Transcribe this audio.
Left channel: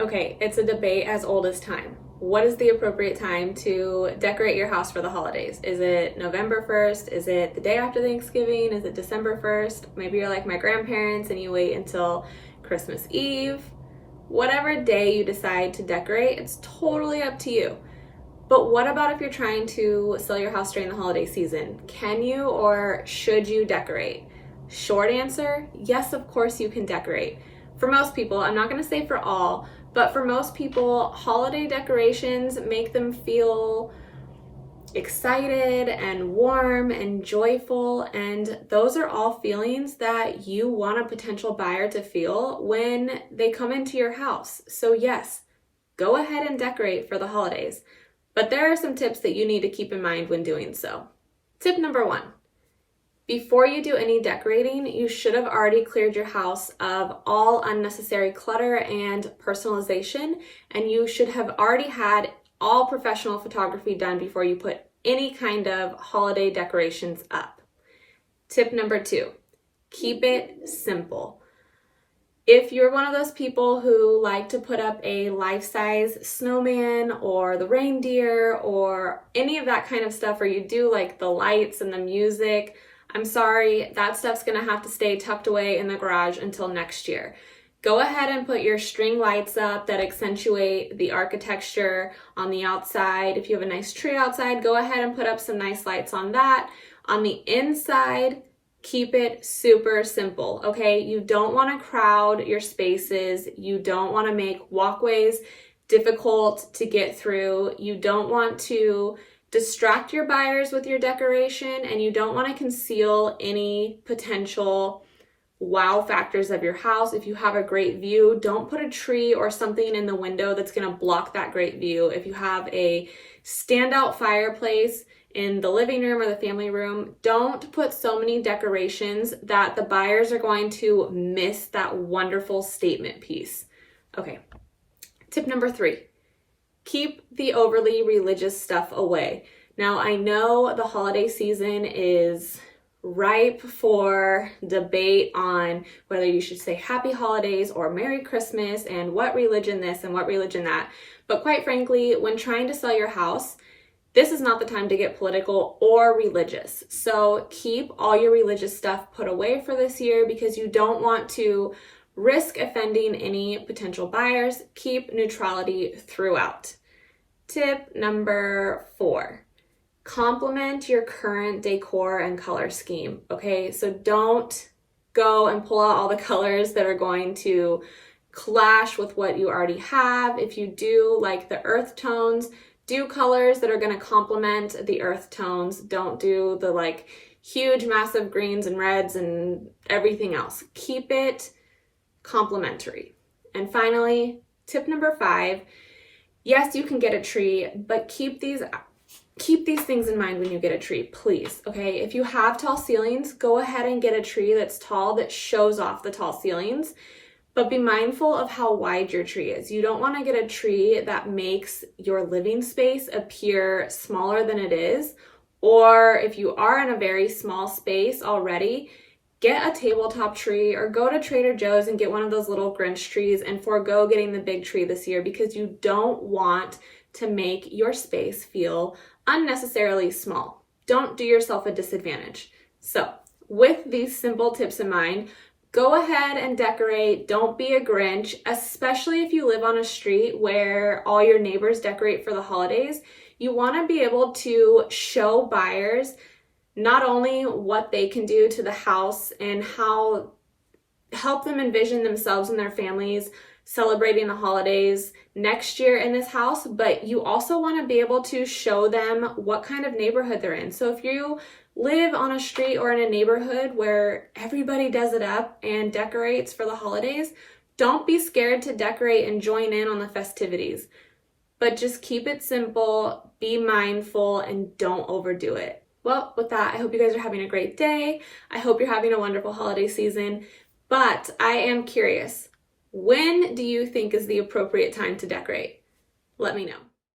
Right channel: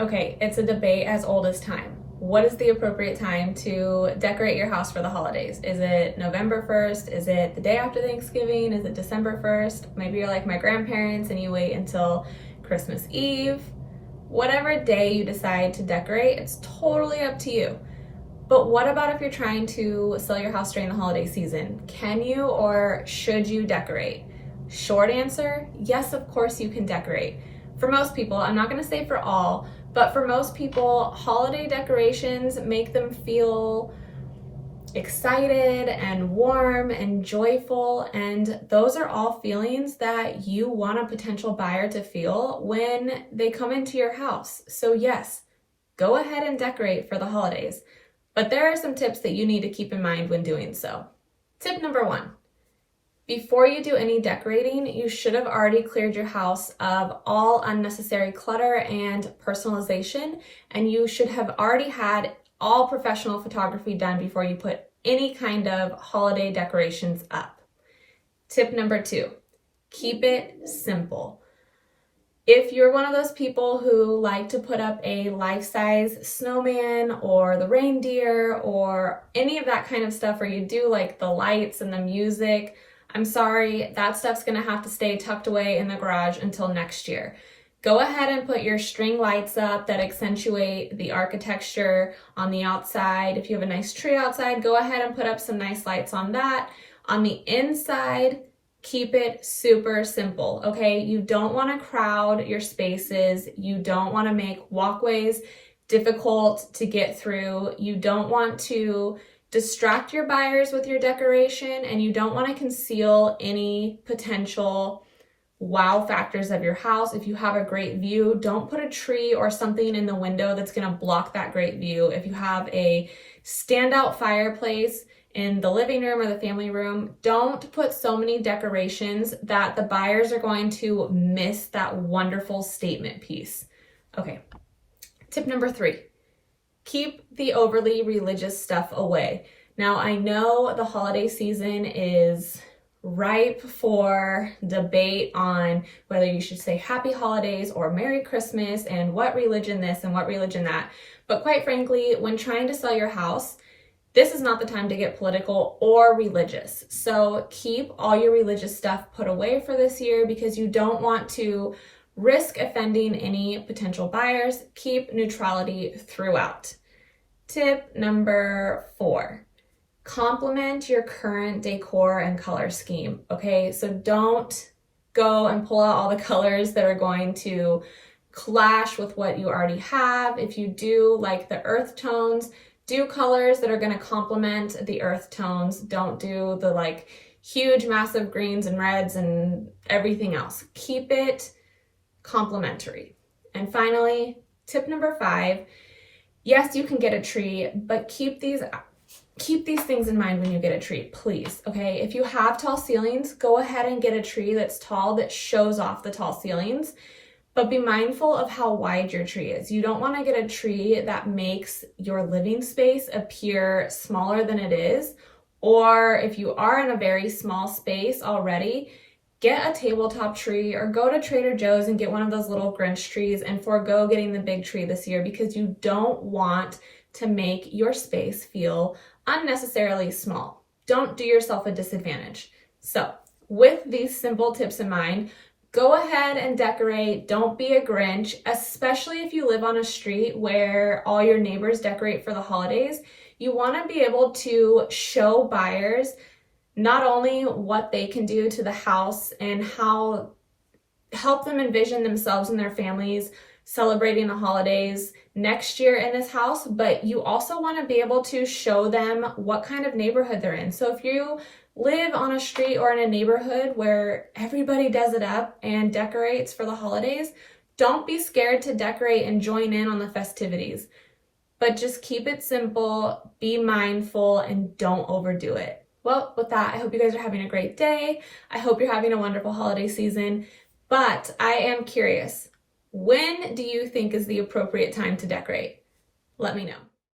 Okay, it's a debate as old as time. What is the appropriate time to decorate your house for the holidays? Is it November 1st? Is it the day after Thanksgiving? Is it December 1st? Maybe you're like my grandparents and you wait until Christmas Eve. Whatever day you decide to decorate, it's totally up to you. But what about if you're trying to sell your house during the holiday season? Can you or should you decorate? Short answer, yes, of course you can decorate. For most people, I'm not gonna say for all, but for most people, holiday decorations make them feel excited and warm and joyful, and those are all feelings that you want a potential buyer to feel when they come into your house. So yes, go ahead and decorate for the holidays, but there are some tips that you need to keep in mind when doing so. Tip number 1. Before you do any decorating, you should have already cleared your house of all unnecessary clutter and personalization, and you should have already had all professional photography done before you put any kind of holiday decorations up. Tip number 2, keep it simple. If you're one of those people who like to put up a life-size snowman or the reindeer or any of that kind of stuff, or you do like the lights and the music, I'm sorry, that stuff's gonna have to stay tucked away in the garage until next year. Go ahead and put your string lights up that accentuate the architecture on the outside. If you have a nice tree outside, go ahead and put up some nice lights on that. On the inside, keep it super simple, okay? You don't wanna crowd your spaces. You don't wanna make walkways difficult to get through. You don't want to distract your buyers with your decoration, and you don't want to conceal any potential wow factors of your house. If you have a great view, don't put a tree or something in the window that's going to block that great view. If you have a standout fireplace in the living room or the family room, don't put so many decorations that the buyers are going to miss that wonderful statement piece. Okay, tip number 3. Keep the overly religious stuff away. Now, I know the holiday season is ripe for debate on whether you should say happy holidays or Merry Christmas and what religion this and what religion that. But quite frankly, when trying to sell your house, this is not the time to get political or religious. So keep all your religious stuff put away for this year because you don't want to risk offending any potential buyers. Keep neutrality throughout. Tip number 4, complement your current decor and color scheme, okay? So don't go and pull out all the colors that are going to clash with what you already have. If you do like the earth tones, do colors that are gonna complement the earth tones. Don't do the like huge, massive greens and reds and everything else. Keep it complementary. And finally, tip number 5, yes, you can get a tree, but keep these things in mind when you get a tree, please, okay? If you have tall ceilings, go ahead and get a tree that's tall that shows off the tall ceilings, but be mindful of how wide your tree is. You don't wanna get a tree that makes your living space appear smaller than it is, or if you are in a very small space already, get a tabletop tree or go to Trader Joe's and get one of those little Grinch trees and forego getting the big tree this year because you don't want to make your space feel unnecessarily small. Don't do yourself a disadvantage. So with these simple tips in mind, go ahead and decorate. Don't be a Grinch, especially if you live on a street where all your neighbors decorate for the holidays. You want to be able to show buyers not only what they can do to the house and how help them envision themselves and their families celebrating the holidays next year in this house, but you also want to be able to show them what kind of neighborhood they're in. So if you live on a street or in a neighborhood where everybody does it up and decorates for the holidays, don't be scared to decorate and join in on the festivities. But just keep it simple, be mindful, and don't overdo it. Well, with that, I hope you guys are having a great day. I hope you're having a wonderful holiday season. But I am curious, when do you think is the appropriate time to decorate? Let me know.